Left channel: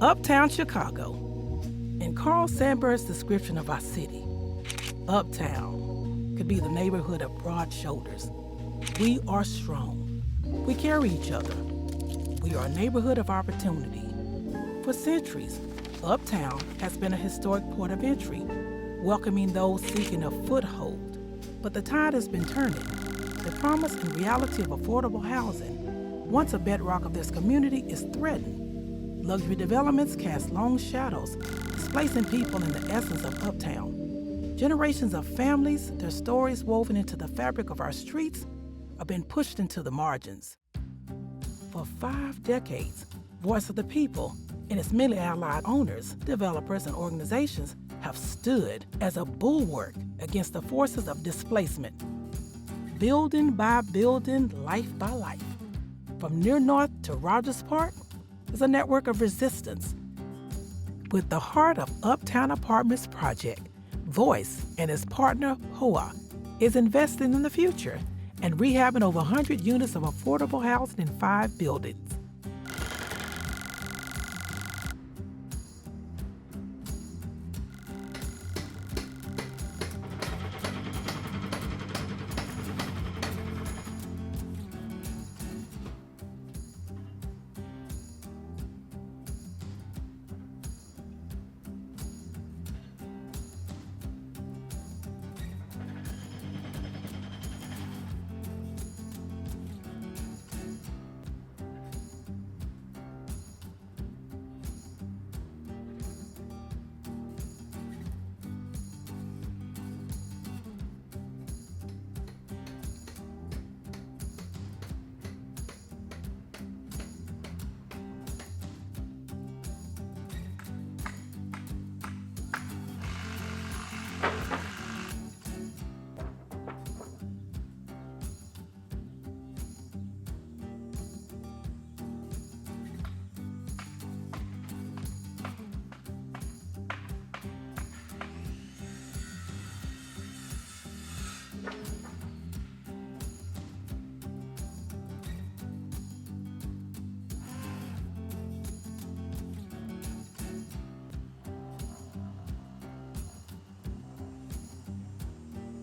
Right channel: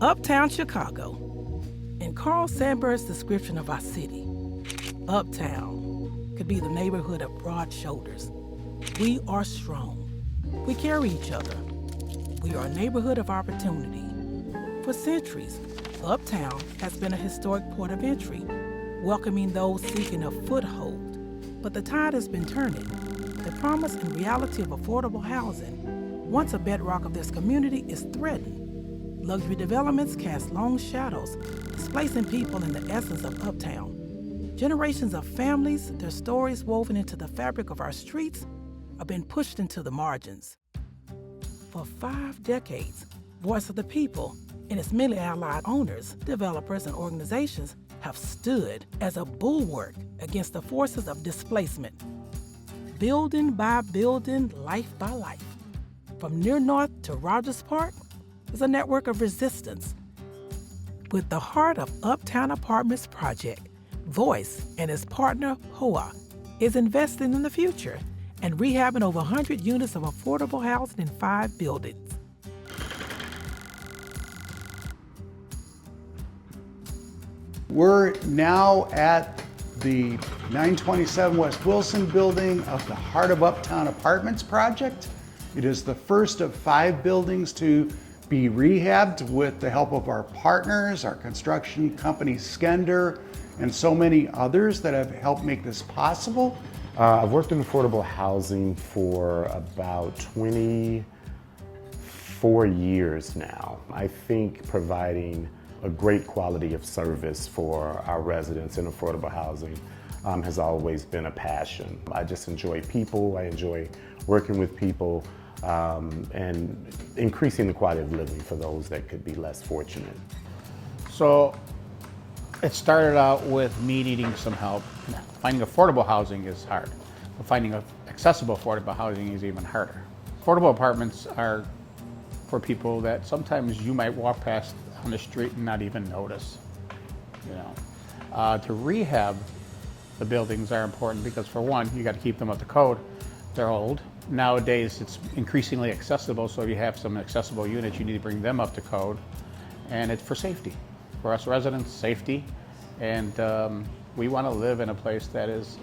Uptown Chicago. In Carl Sandburg's description of our city, Uptown could be the neighborhood of broad shoulders. We are strong. We carry each other. We are a neighborhood of opportunity. For centuries, Uptown has been a historic port of entry, welcoming those seeking a foothold. But the tide has been turning. The promise and reality of affordable housing, once a bedrock of this community, is threatened. Luxury developments cast long shadows, displacing people in the essence of Uptown. Generations of families, their stories woven into the fabric of our streets, have been pushed into the margins. For 5 decades, Voice of the People and its many allied owners, developers, and organizations have stood as a bulwark against the forces of displacement. Building by building, life by life. From near north to Rogers Park is a network of resistance. With the heart of Uptown Apartments Project, Voice and its partner, HOA, is investing in the future and rehabbing over 100 units of affordable housing in 5 buildings. We're now at the 927 West Wilson building of the Heart of Uptown Apartments project. It is the first of 5 buildings to be rehabbed with the help of our partners, our construction company Skender, and so many others that have helped make this possible. I've worked in affordable housing for about 24 years now. I think providing a great quality of service for our residents in affordable housing has always been a passion. I just enjoy people, I enjoy working with people, and increasing the quality of living for those that could be less fortunate. So it started out with me needing some help. Finding affordable housing is hard, but finding accessible affordable housing is even harder. Affordable apartments are for people that sometimes you might walk past on the street and not even notice. To rehab the buildings are important because, for one, you got to keep them up to code. They're old. Nowadays, it's increasingly accessible, so if you have some accessible units, you need to bring them up to code. And it's for safety. For us residents, safety. And we want to live in a place that is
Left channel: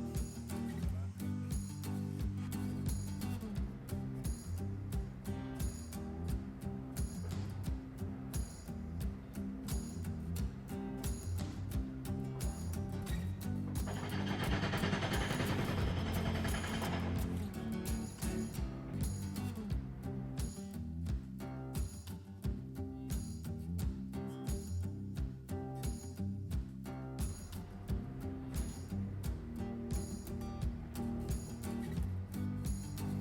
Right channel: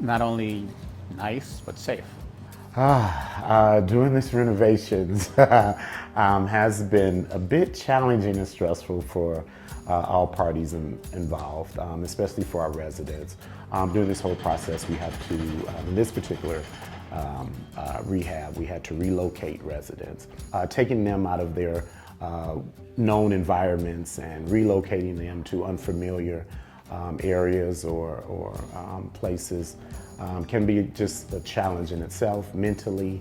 not only nice, but safe. Doing this renovations has been a bit challenging and stressful for all parties involved, especially for our residents. During this whole process, we had to, in this particular rehab, we had to relocate residents, taking them out of their known environments and relocating them to unfamiliar areas or places can be just a challenge in itself, mentally,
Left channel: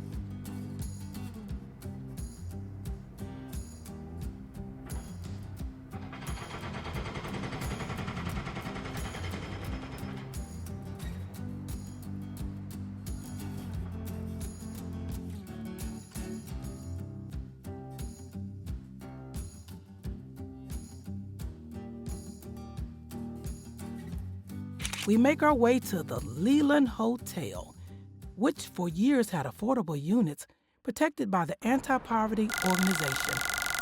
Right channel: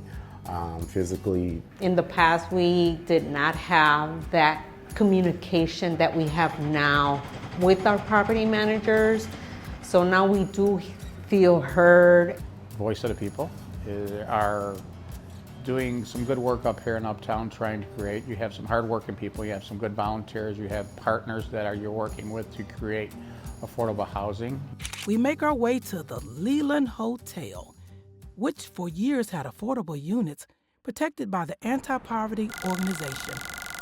physically. In the past, we did not have that communication that we have now with our property managers. So now we do feel heard. Voice of the People are doing some good work up here in Uptown trying to create. You have some hardworking people, you have some good volunteers, you have partners that you're working with to create affordable housing. We make our way to the Leland Hotel, which for years had affordable units protected by the anti-poverty organization,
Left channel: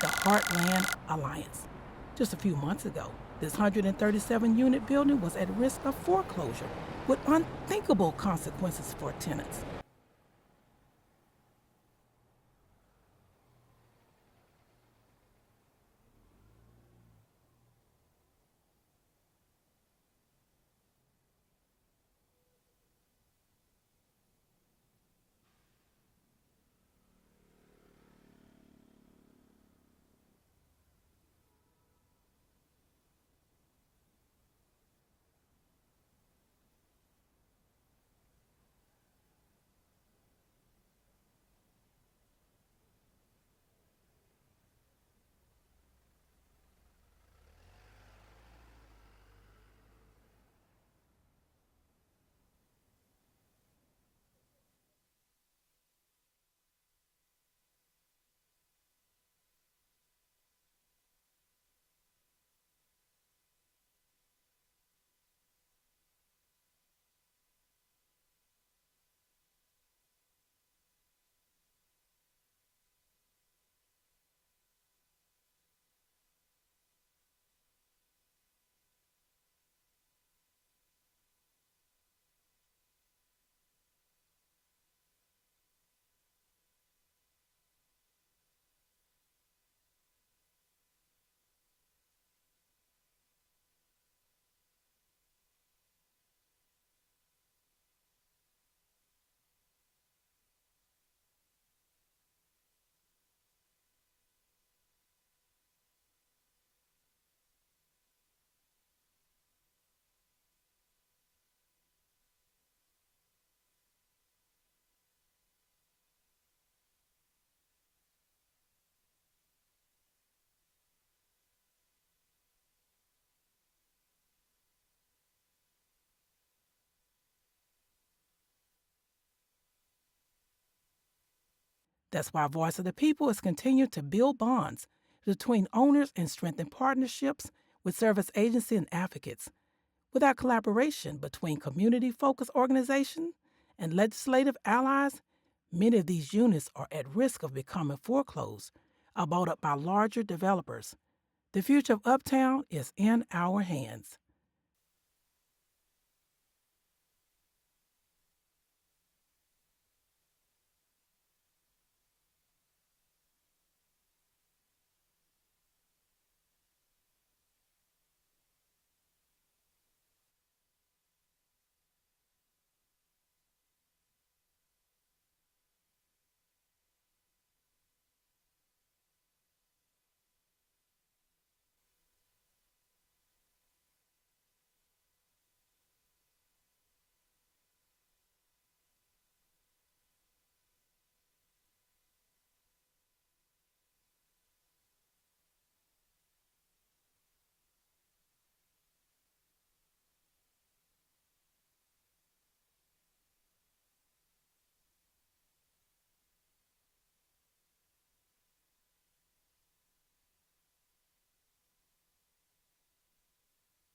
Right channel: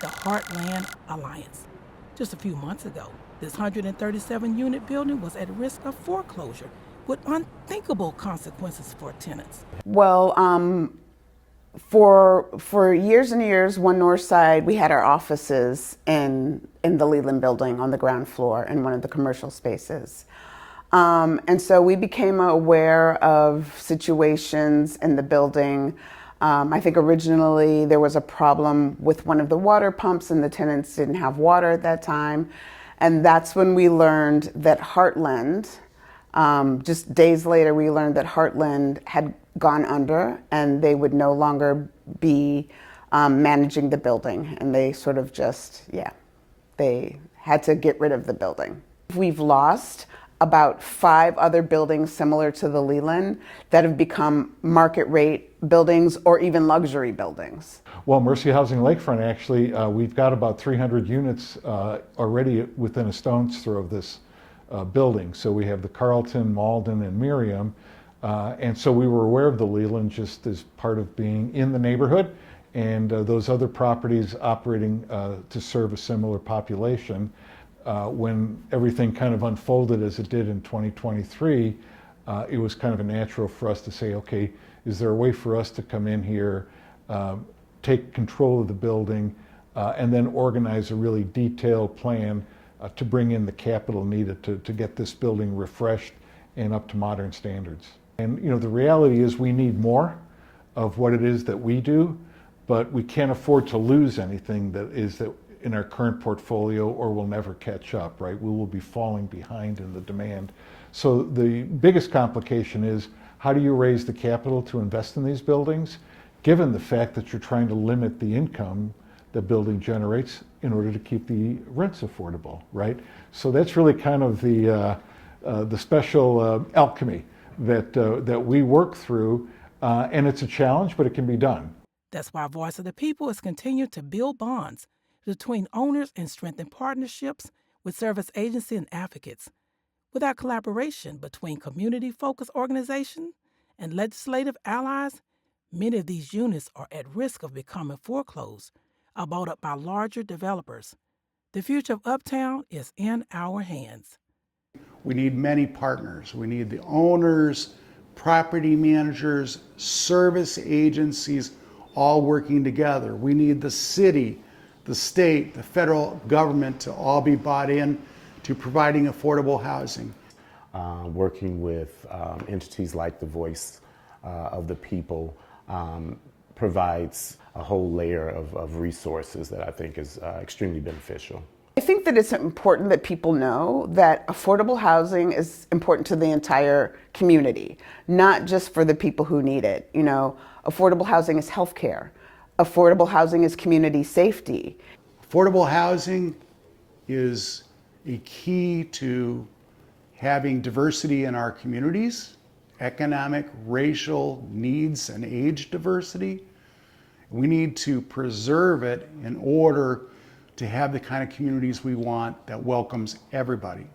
the Heartland Alliance. Just a few months ago, this 137-unit building was at risk of foreclosure with unthinkable consequences for tenants. Well, for years and years, One North Side, we had our offices in the Leland building on the ground floor in one of the commercial spaces. And so we became aware of situations in the building. I think originally there was a problem with one of the water pumps and the tenants didn't have water at that time. And that's when we learned that Heartland, just days later, we learned that Heartland had gone under and they would no longer be managing the building. And they sort of just, they had to get rid of the building. We've lost about 5 other buildings similar to the Leland that have become market rate buildings or even luxury buildings. Well, Mercy Housing Lakefront, actually, we've got about 300 units already within a stone's throw of this building. So we have the Carlton, Malden, and Miriam. And so we were aware of the Leland just as part of being in the neighborhood and those other properties operating to serve a similar population. When everything kind of unfolded as it did in 2023, it was kind of a natural for us to say, okay, is there a way for us to come in here, take control of the building, and then organize a really detailed plan to bring in the capital needed to get this building refreshed and up to modern standards. And you know, the reality is we need more of what it is that we do, but we can't afford to lose anything that in our current portfolio, or we'll never catch up, right? We will be falling behind in the demand. So the biggest complication is, how do you raise the capital to invest in these buildings, given the fact that you're trying to limit the income the building generates in order to keep the rents affordable, right? So that's really kind of the special alchemy that we work through, and it's a challenge, but it can be done. That's why Voice of the People is continuing to build bonds between owners and strengthen partnerships with service agencies and advocates. Without collaboration between community-focused organizations and legislative allies, many of these units are at risk of becoming foreclosed or bought up by larger developers. The future of Uptown is in our hands. We need many partners. We need the owners, property managers, service agencies, all working together. We need the city, the state, the federal government to all be bought in to providing affordable housing. Working with entities like the Voice of the People provides a whole layer of resources that I think is extremely beneficial. I think that it's important that people know that affordable housing is important to the entire community, not just for the people who need it. You know, affordable housing is healthcare. Affordable housing is community safety. Affordable housing is a key to having diversity in our communities, economic, racial needs, and age diversity. We need to preserve it in order to have the kind of communities we want that welcomes everybody.